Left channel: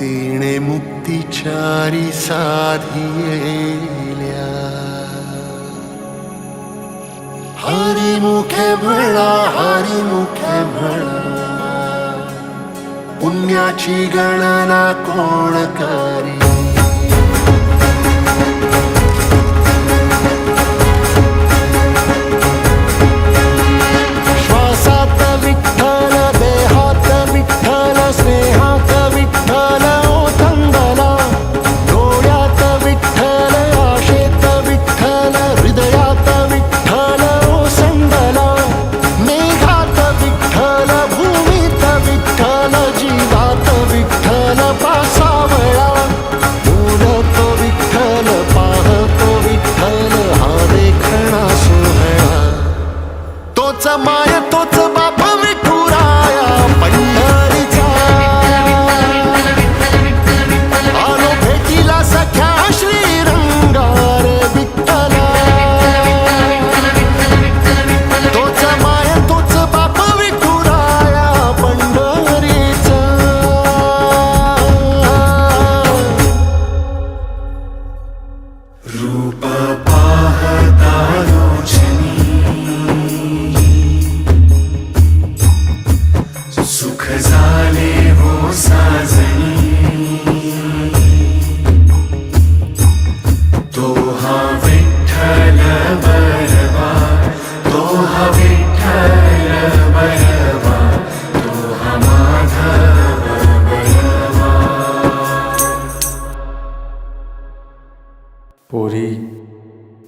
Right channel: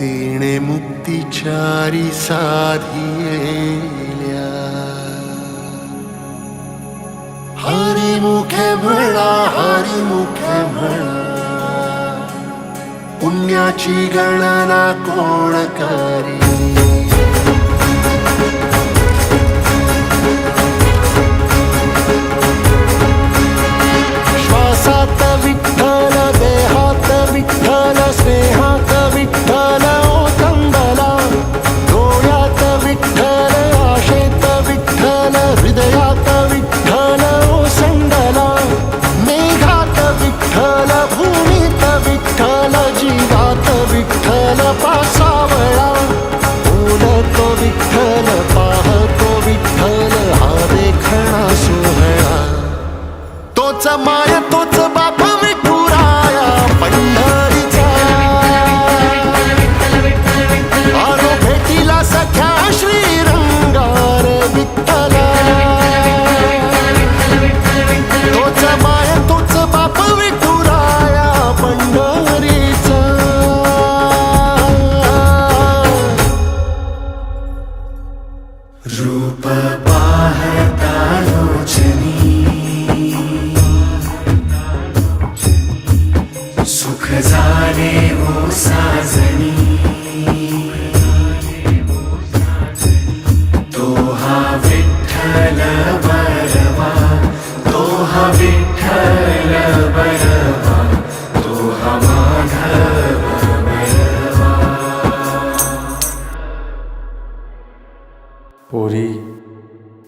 तेणे मुक्तिचारी साधियेल्या हरिमुखे म्हणा हरिमुखे म्हणा पुण्याची गणना कोण करी श्वासात विठ्ठल देहात विठ्ठल स्नेहात विठ्ठल ओथंबला डोळ्यात विठ्ठल आशेत विठ्ठल हृदयात विठ्ठल ओसंडला मेघात विठ्ठल भूमीत विठ्ठल जीवात विठ्ठल पासावळा बोलतो विठ्ठल पाहतो विठ्ठल हा देखणा सोहळा तोच माय तोच बाप विठुराया पंढरीचा आलो भेटीला सख्या श्रीरंगार विठ्ठला तोच माय तोच बाप विठुराया पंढरीचा रूप पाहता लोचनी सुख झाले हो साजनी तो हा विठ्ठल बरवा तो हा विठ्ठल बरवा तो हा माधव बरवा पोरी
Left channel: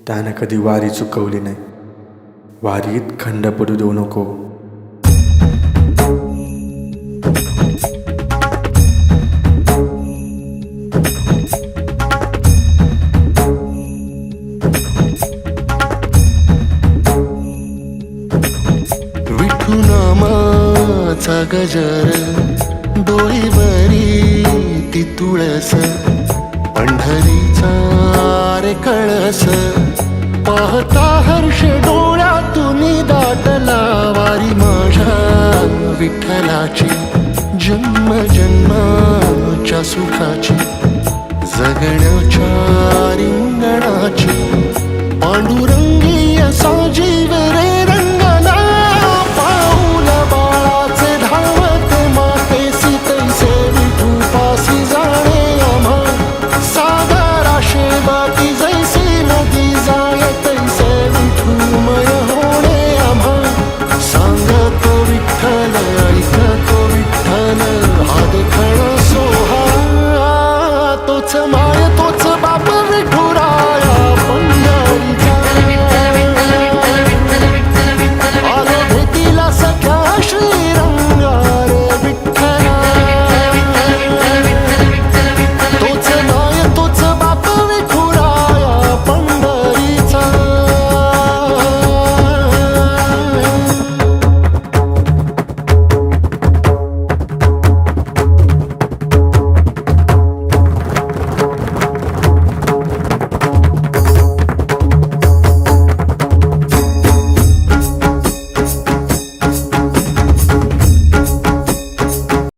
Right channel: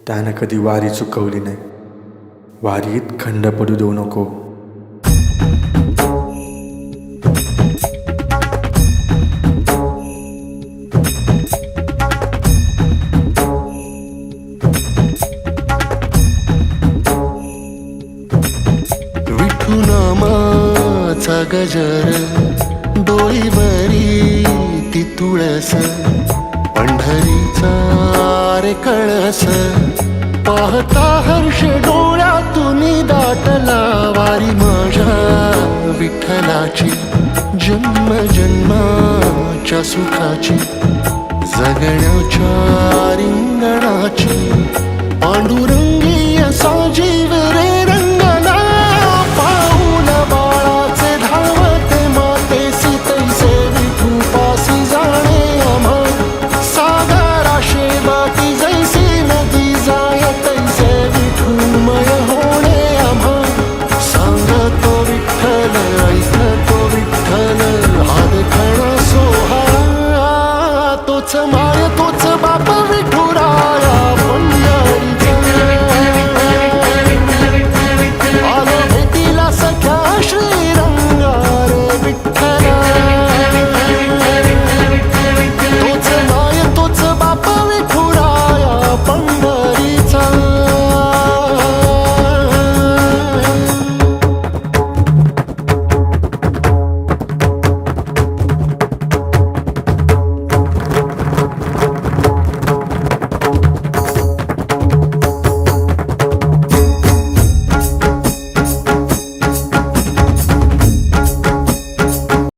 त्यानं कधी वारी चुकवली नाही वारीत खंड पडू देऊ नको नामाचा गजर डोईवरी ती तुळस पंढरीचा रे कळस पाहता हर्ष डोळ्यातून दाटला वारी माझ्या विठ्ठलाची जन्म जन्माच्या सुखाची जगण्याच्या रिंगणाची पांडुरंगी असा जीव रे रंगला पाऊल बाळाचे धावते मातेसी तैसे विठू पासी जाणे आम्हा सागराशे वाटी जैसी नदी जाय तैसे विठूमय होणे आम्हा सांगतो विठ्ठल ऐकतो विठ्ठल हा देखणा सोहळा तोच माय तोच बाप विठुराया पंढरीचा आलो भेटीला सख्या श्री